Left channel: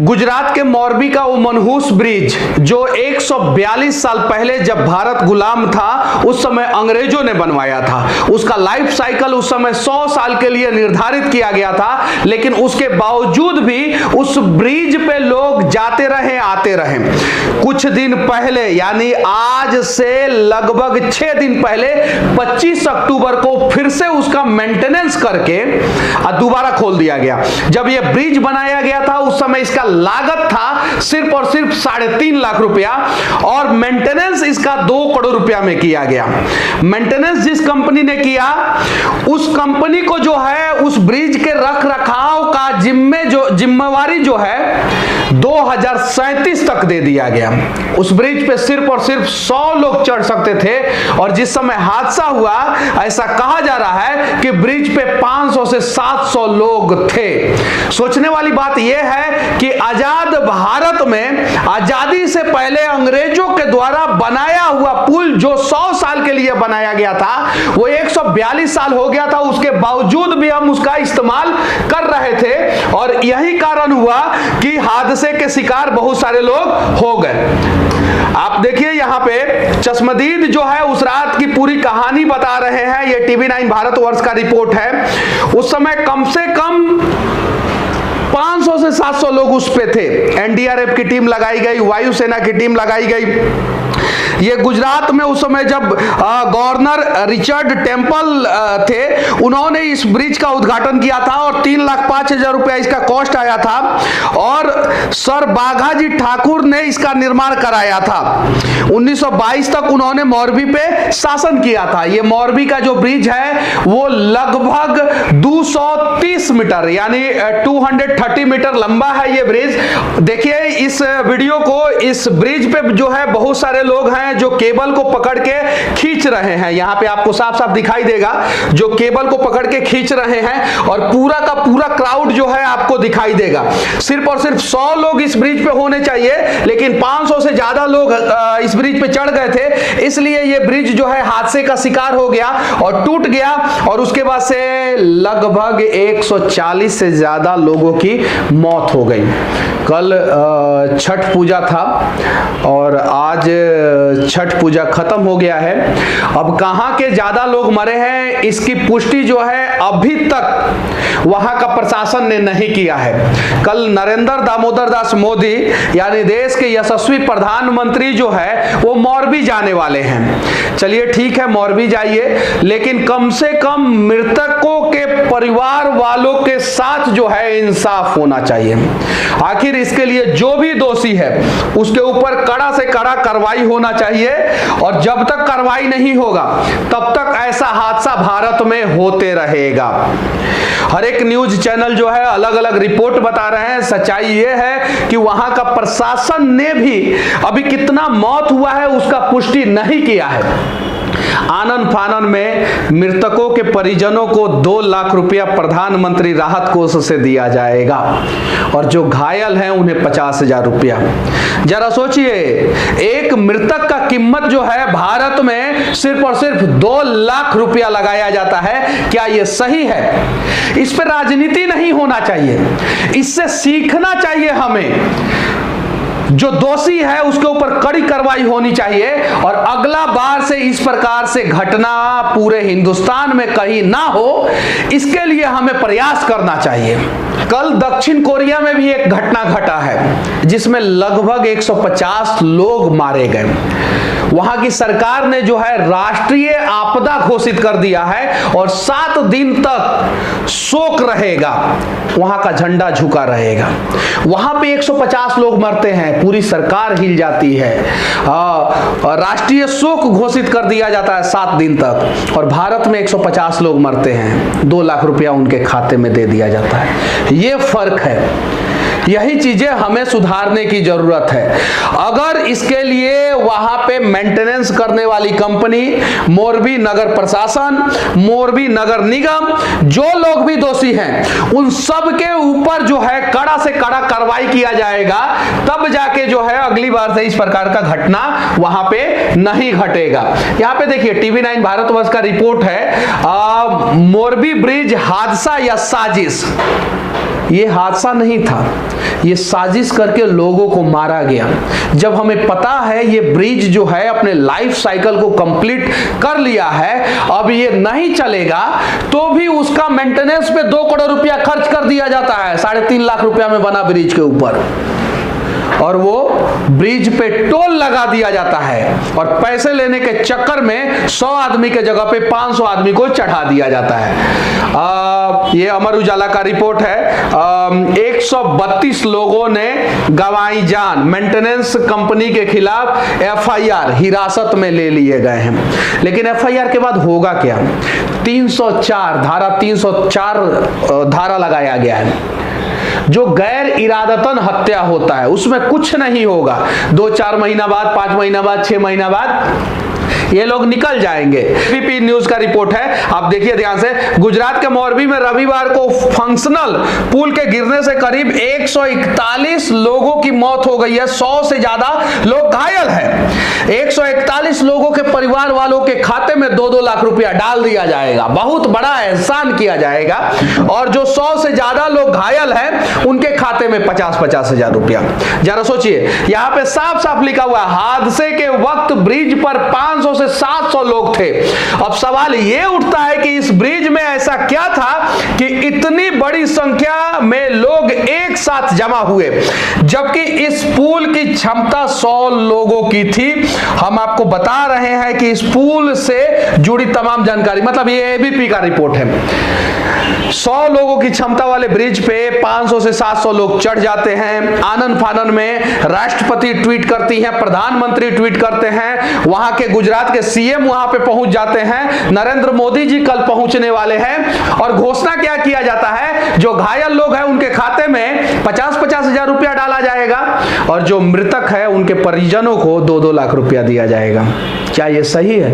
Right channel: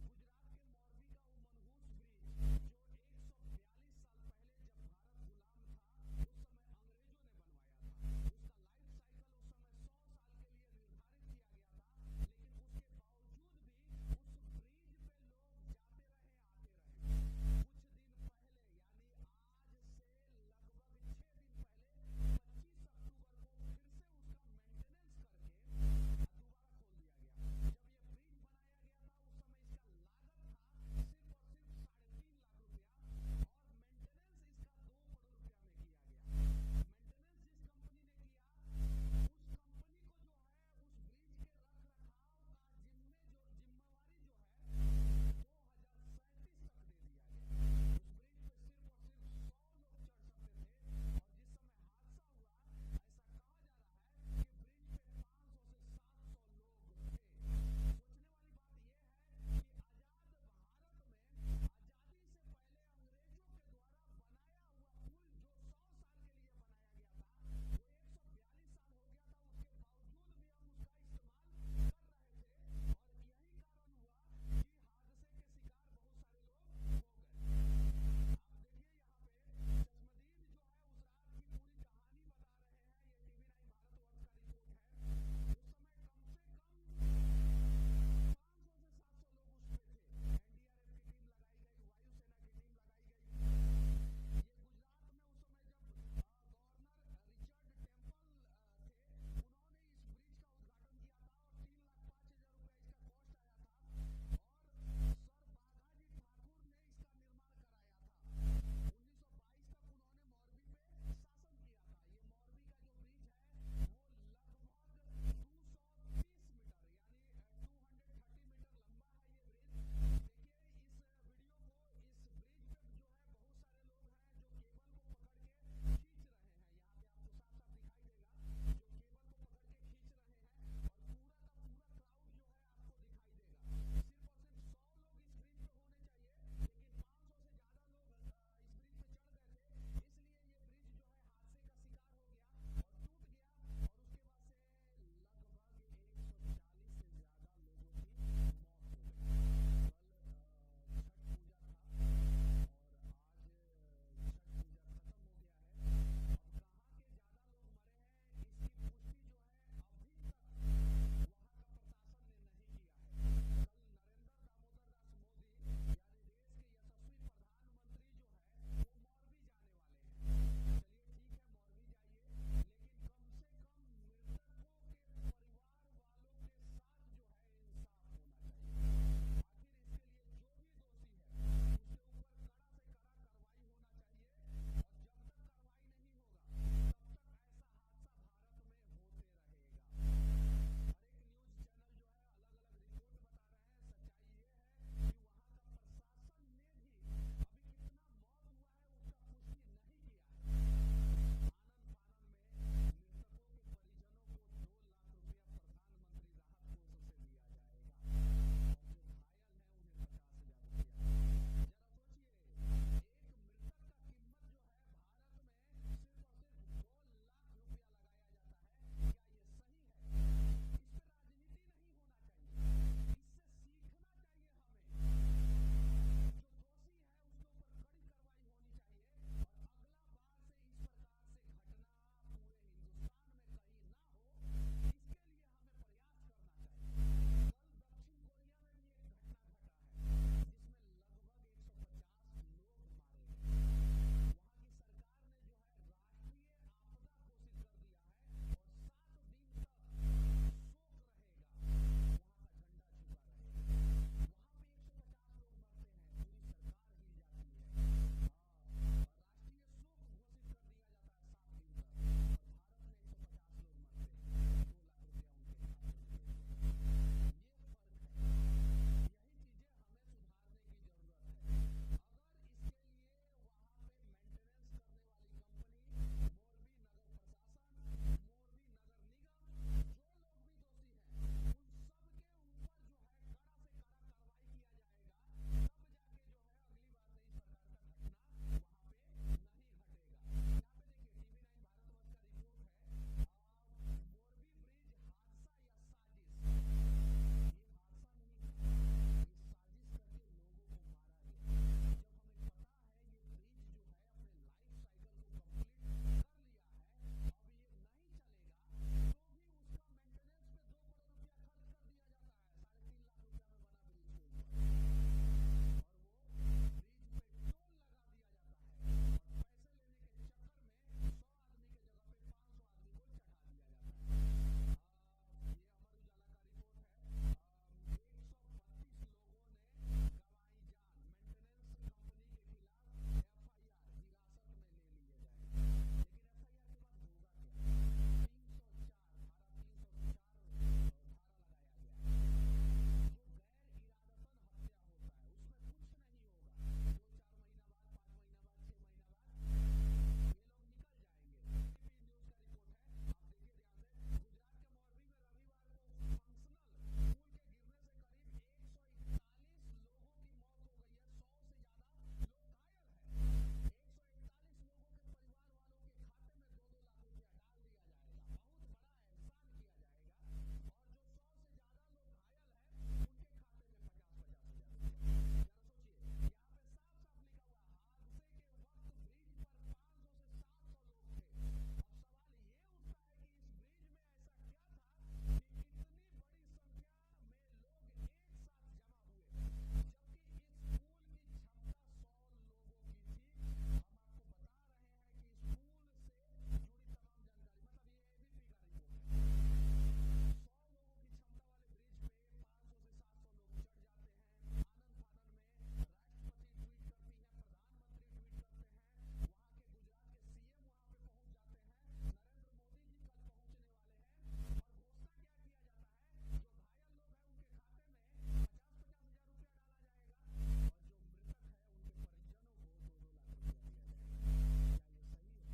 गुजरात के मोरबी का वो मनहूस ब्रिज जो 142 साल पहले जब भारत गुलाम था उस समय अंग्रेजों ने बनवाया था, उसका लाइफ साइकिल उस समय 100 साल के लिए निर्धारित किया गया था, लेकिन उसके बावजूद भी उस ब्रिज पे लोग जाते रहे आते रहे। कुछ दिन पहले यानी आज से लगभग 6 दिन पहले 25 अक्टूबर को फिर से उसका मेंटेनेंस करके दोबारा खोल दिया गया। जब यह ब्रिज बनाया गया था उस समय इसका लागत था सिर्फ और सिर्फ 3.5 लाख रुपया और मेंटेनेंस इसका 2 करोड़ रुपया में किया गया। मेंटेनेंस जिस कंपनी ने किया उस कंपनी को जो है उस ब्रिज के रख रखाव का जिम्मेवारी जो है 2037 तक दे दिया गया। उस ब्रिज पे सिर्फ और सिर्फ 100 लोग चढ़ सकते थे और जिस समय हादसा हुआ ऐसा कहा जा रहा है कि ब्रिज पे 500 से 700 लोग थे। सोचने वाली बात यह है कि आजाद भारत में आजादी से पहले अंग्रेजों के द्वारा बनाया हुआ पुल जो 100 साल के लिए बनाया गया था वो 142 साल हो गया था, उसके बावजूद भी हम उसका इस्तेमाल कर रहे थे और यही कारण हुआ कि हादसे के शिकार बहुत सारे लोग हो गए। आप देखिए यहाँ पे चश्मदीद जो है उस रात की पूरी कहानी बता रहे हैं। ये TV9 भारतवर्ष का रिपोर्ट है। उस समय कम से कम 500 से 700 लोग उस पे थे। NDRF की टीम लगाई गई, वायुसेना की टीम लगाई गई। ये गुजरात में उस समय जब गवर्नर रिचर्ड टेम्पल थे उन्होंने इस ब्रिज का उद्घाटन किया था और 3,05,000 रुपया इसका कॉस्ट आया था और सर बाघाजी ठाकुर ने इसका निर्माण कराया था। 1922 तक उन्होंने मोरबी पे शासन किया था। ये मोरबी का जो ब्रिज है वो लगभग 230 मीटर यानी 230 मीटर लंबा है ये ब्रिज। देखिए इस वीडियो को, इस ब्रिज पे जो है बहुत सारे लोग हैं जो केबल को पकड़ के खींच रहे हैं। यहां पे आपको साफ साफ दिखाई देगा जो केबल को पकड़ के खींच रहे हैं और पूरा का पूरा क्राउड जो है आपको दिखाई देगा। सिर्फ और सिर्फ 100 लोग इस ब्रिज पे होने चाहिए लेकिन 500 से ज्यादा लोग इस ब्रिज पे चढ़ गए थे, इसलिए ये ब्रिज जो है हादसे का शिकार हो गया और टूट गया और उसके बाद से लगभग 140 से ज्यादा लोगों की मौत हो गई। कल छठ पूजा था और आज छठ पूजा खत्म हो गया है। अब कहां के ज्यादा लोग मरे हैं इसकी पुष्टि जो है अभी तक वहां का प्रशासन ने नहीं किया है। कल नरेंद्र दामोदर दास मोदी यानी देश के यशस्वी प्रधानमंत्री जो है वो मोरबी जाने वाले हैं। चलिए ठीक है, मोरबी जाइए, लेकिन कम से कम मृतकों के परिवार वालों के साथ जो है इंसाफ होना चाहिए। आखिर इसके लिए जो भी दोषी है उसके ऊपर कड़ा से कड़ा कार्रवाई होना चाहिए और जब तक कार्रवाई नहीं होगा तब तक ऐसा हादसा भारत में होते रहेगा। हर एक न्यूज चैनल जो है अलग अलग रिपोर्ट बता रहे हैं। सच्चाई यह है कि वहां का प्रशासन ने भी अभी कितना मौत हुआ है उसका पुष्टि नहीं किया है। आनन फानन में मृतकों के परिजनों को 2 लाख रुपया प्रधानमंत्री राहत कोष से दिया जाएगा और जो घायल हैं उन्हें 50,000 रुपया। जरा सोचिए, एक मृतक का कीमत जो है भारत में सिर्फ और सिर्फ 2 लाख रुपया लगाया जाता है। क्या यह सही है? इस पर राजनीति नहीं होना चाहिए, इससे सीखना चाहिए हमें। जो दोषी है उसके ऊपर कड़ी कार्रवाई होनी चाहिए और अगला बार से इस प्रकार से घटना पूरे हिंदुस्तान में कहीं ना हो इसके लिए हमें प्रयास करना चाहिए। कल दक्षिण कोरिया में भी एक घटना घटा है जिसमें लगभग 150 लोग मारे गए। वहां की सरकार ने जो है राष्ट्रीय आपदा घोषित कर दिया है और 7 दिन तक शोक रहेगा, वहां का झंडा झुका रहेगा। वहां पे 150 लोग मरते हैं, पूरी सरकार हिल जाती है, राष्ट्रीय शोक घोषित कर दिया जाता है 7 दिन तक और भारत में 150 लोग मरते हैं, 2 लाख रुपया उनके खाते में दे दिया जाता है। ये फर्क है। यही चीजें हमें सुधारने की जरूरत है। अगर इसके लिए वहां पे मेंटेनेंस करने वाली कंपनी, मोरबी नगर प्रशासन, मोरबी नगर निगम, जो लोग भी दोषी हैं उन सब के ऊपर जो है कड़ा से कड़ा कार्रवाई किया जाएगा, तब जाके जो है अगली बार से इस प्रकार का घटना वहां पे नहीं घटेगा। यहां पे देखिए TV9 भारतवर्ष का रिपोर्ट है, मोरबी ब्रिज हादसा या साजिश। ये हादसा नहीं था, ये साजिश करके लोगों को मारा गया। जब हमें पता है ये ब्रिज जो है अपने लाइफ साइकिल को कंप्लीट कर लिया है, अब ये नहीं चलेगा, तो भी उसका मेंटेनेंस पे 2 करोड़ रुपया खर्च कर दिया जाता है। 3.5 लाख रुपया में बना ब्रिज के ऊपर, और वो ब्रिज पे टोल लगा दिया जाता है, और पैसे लेने के चक्कर में 100 आदमी के जगह पे 500 आदमी को चढ़ा दिया जाता है। ये अमर उजाला का रिपोर्ट है। 132 लोगों ने गंवाई जान। मेंटेनेंस कंपनी के खिलाफ एफआईआर हिरासत में ले लिए गए हैं। लेकिन एफआईआर के बाद होगा क्या? 304 धारा लगाया गया है। जो गैर इरादतन हत्या होता है उसमें कुछ नहीं होगा। 2-4 महीना बाद, 5 महीना बाद, 6 महीना बाद ये लोग निकल जाएंगे। एबीपी न्यूज का रिपोर्ट है, आप देखिए ध्यान से। गुजरात के मोरबी में रविवार को फंक्शनल पुल के गिरने से करीब 141 लोगों की मौत हो गई है। 100 से ज्यादा लोग घायल हैं। 141 लोगों के परिवार वालों के खाते में 2-2 लाख रुपया डाल दिया जाएगा। बहुत बड़ा एहसान किया जाएगा। और जो 100 से ज्यादा लोग घायल हैं उनके खाते में 50-50 हजार रुपया। जरा सोचिए, यहां पे साफ साफ लिखा हुआ है हादसे के वक्त ब्रिज पर 500 से 700 लोग थे। अब सवाल यह उठता है कि इस ब्रिज में ऐसा क्या था कि इतनी बड़ी संख्या में लोग एक साथ जमा हुए, जबकि इस पुल की क्षमता 100 लोगों की थी। हम आपको बता रहे हैं कि इस पुल से जुड़ी तमाम जानकारी, मतलब ये एबीपी का रिपोर्ट है। 100 लोगों की क्षमता वाले ब्रिज पे 500 से 700 लोग चढ़ जाते हैं। आनन फानन में राष्ट्रपति ट्वीट करती हैं, प्रधानमंत्री ट्वीट करते हैं, वहां के गुजरात के सीएम वहां पे पहुंच जाते हैं, नरेंद्र मोदी जी कल पहुंचने वाले हैं। और घोषणा क्या किया जाता है? जो घायल लोग हैं उनके खाते में 50-50 हजार रुपया डाला जाएगा, और जो मृतक है उनके परिजनों को 2-2 लाख रुपया दिया जाएगा। क्या यह सही है?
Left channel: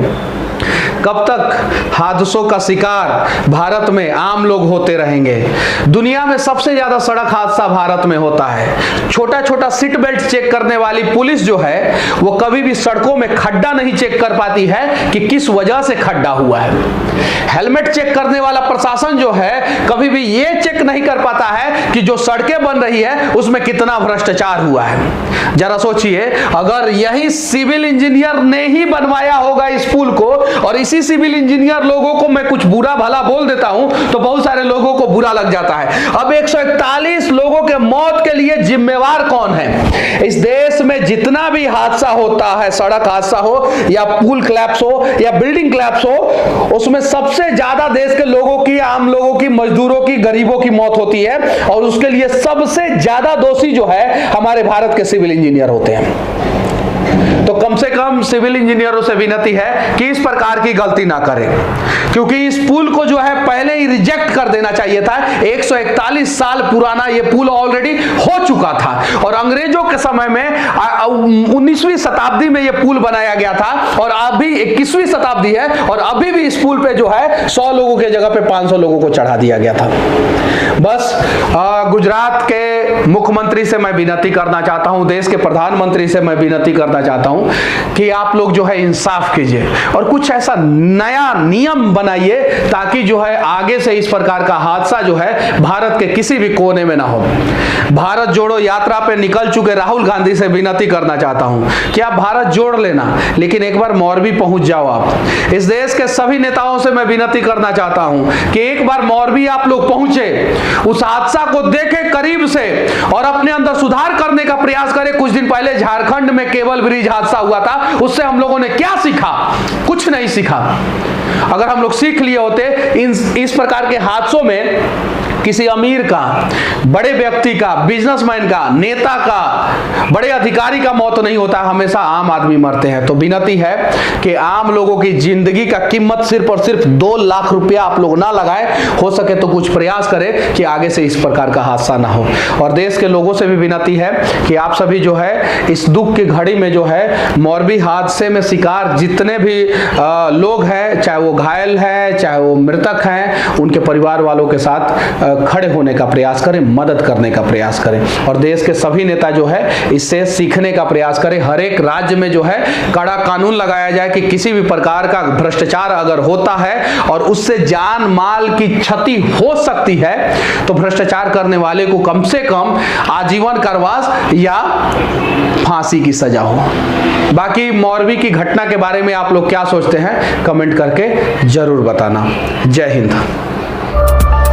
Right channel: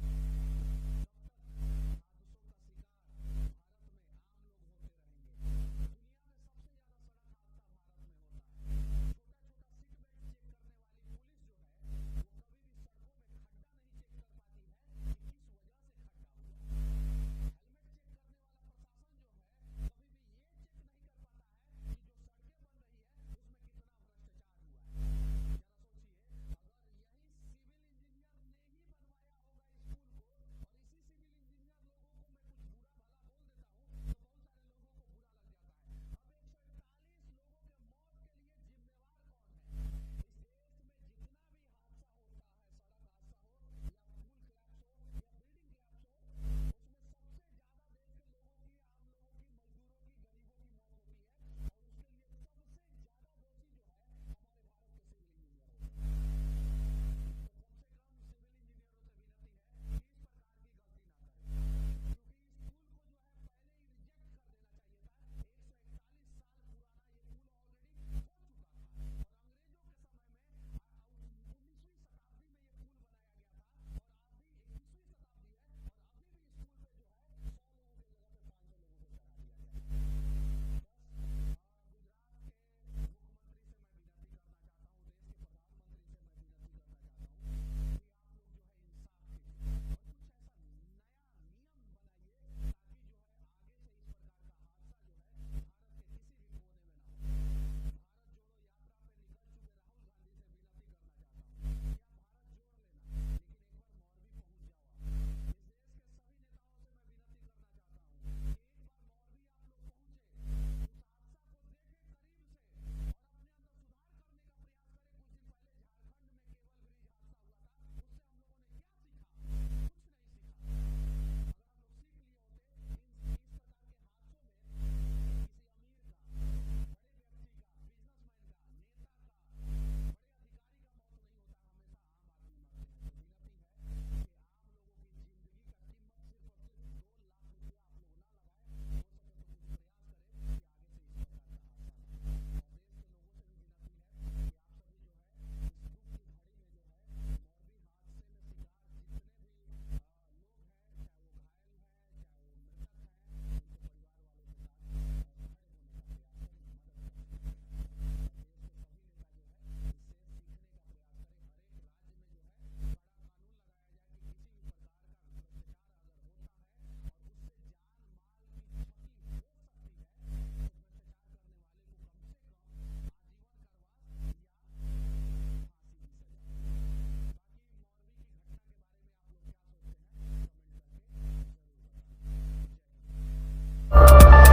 कब तक हादसों का शिकार भारत में आम लोग होते रहेंगे? दुनिया में सबसे ज्यादा सड़क हादसा भारत में होता है। छोटा छोटा सीट बेल्ट चेक करने वाली पुलिस जो है वो कभी भी सड़कों में खड्डा नहीं चेक कर पाती है कि किस वजह से खड्डा हुआ है। हेलमेट चेक करने वाला प्रशासन जो है कभी भी ये चेक नहीं कर पाता है कि जो सड़कें बन रही है उसमें कितना भ्रष्टाचार हुआ है। जरा सोचिए, अगर यही सिविल इंजीनियर ने ही बनवाया होगा इस पुल को, और इसी सिविल इंजीनियर लोगों को मैं कुछ बुरा भला बोल देता हूं तो बहुत सारे लोगों को बुरा लग जाता है। अब 141 लोगों के मौत के लिए जिम्मेवार कौन है? इस देश में जितना भी हादसा होता है, सड़क हादसा हो या पुल क्लैप्स हो या बिल्डिंग क्लैप्स हो, उसमें सबसे ज्यादा देश के लोगों की, आम लोगों की, मजदूरों की, गरीबों की मौत होती है। और उसके लिए सबसे ज्यादा दोषी जो है हमारे भारत के सिविल इंजीनियर होते हैं। तो कम से कम सिविल इंजीनियरों से विनती है कि इस प्रकार की गलती ना करें, क्योंकि इस पुल को जो है पहले ही रिजेक्ट कर देना चाहिए था। 141 साल पुराना ये पुल ऑलरेडी हो चुका था, और अंग्रेजों के समय में 19वीं शताब्दी में ये पुल बनाया गया था, और अभी 21वीं शताब्दी है, और अभी भी इस पुल पे जो है 100 लोगों के जगह पे 500 लोगों को चढ़ा दिया गया था। बस गुजरात के मुख्यमंत्री से मैं विनती करना चाहता हूं, देश के प्रधानमंत्री से मैं विनती करना चाहता हूं कि आप लोग जो है इंसाफ कीजिए और कुछ ऐसा नया नियम बनाइए ताकि जो है आगे से इस प्रकार का हादसा जो है भारत के किसी भी कोने में ना हो। भारत जोड़ो यात्रा पे निकल चुके राहुल गांधी से विनती करना चाहता हूं कि आप भारत जोड़ लेना, लेकिन एक बार मोरबी पहुंच जाओ। आप इस देश के सभी नेताओं से मैं विनती करना चाहता हूं कि एक बार मोरबी आप लोग पहुंचे, उस हादसा को देखें करीब से और अपने अंदर सुधार करने का प्रयास करें। कुछ दिन पहले झारखंड में केबल ब्रिज हादसा हुआ था, उससे हम लोगों ने क्या सीखा? कुछ नहीं सीखा। अगर हम लोग सीख लिए होते इस प्रकार के हादसों में किसी अमीर का, बड़े व्यक्ति का, बिजनेसमैन का, नेता का, बड़े अधिकारी का मौत नहीं होता, हमेशा आम आदमी मरते हैं। तो विनती है कि आम लोगों की जिंदगी का कीमत सिर्फ और सिर्फ 2 लाख रुपया आप लोग ना लगाएं। हो सके तो कुछ प्रयास करें कि आगे से इस प्रकार का हादसा ना हो। और देश के लोगों से भी विनती है कि आप सभी जो है इस दुख की घड़ी में जो है मोरबी हादसे में शिकार जितने भी लोग हैं, चाहे वो घायल है चाहे वो मृतक हैं, उनके परिवार वालों के साथ खड़े होने का प्रयास करें, मदद करने का प्रयास करें और देश के सभी नेता जो है इससे सीखने का प्रयास करें। हर एक राज्य में जो है कड़ा कानून लगाया जाए कि किसी भी प्रकार का भ्रष्टाचार अगर होता है और उससे जान माल की क्षति हो सकती है तो भ्रष्टाचार करने वाले को कम से कम आजीवन कारावास या फांसी की सजा हो। बाकी मौरवी की घटना के बारे में आप लोग क्या सोचते हैं कमेंट करके जरूर बताना। जय हिंद।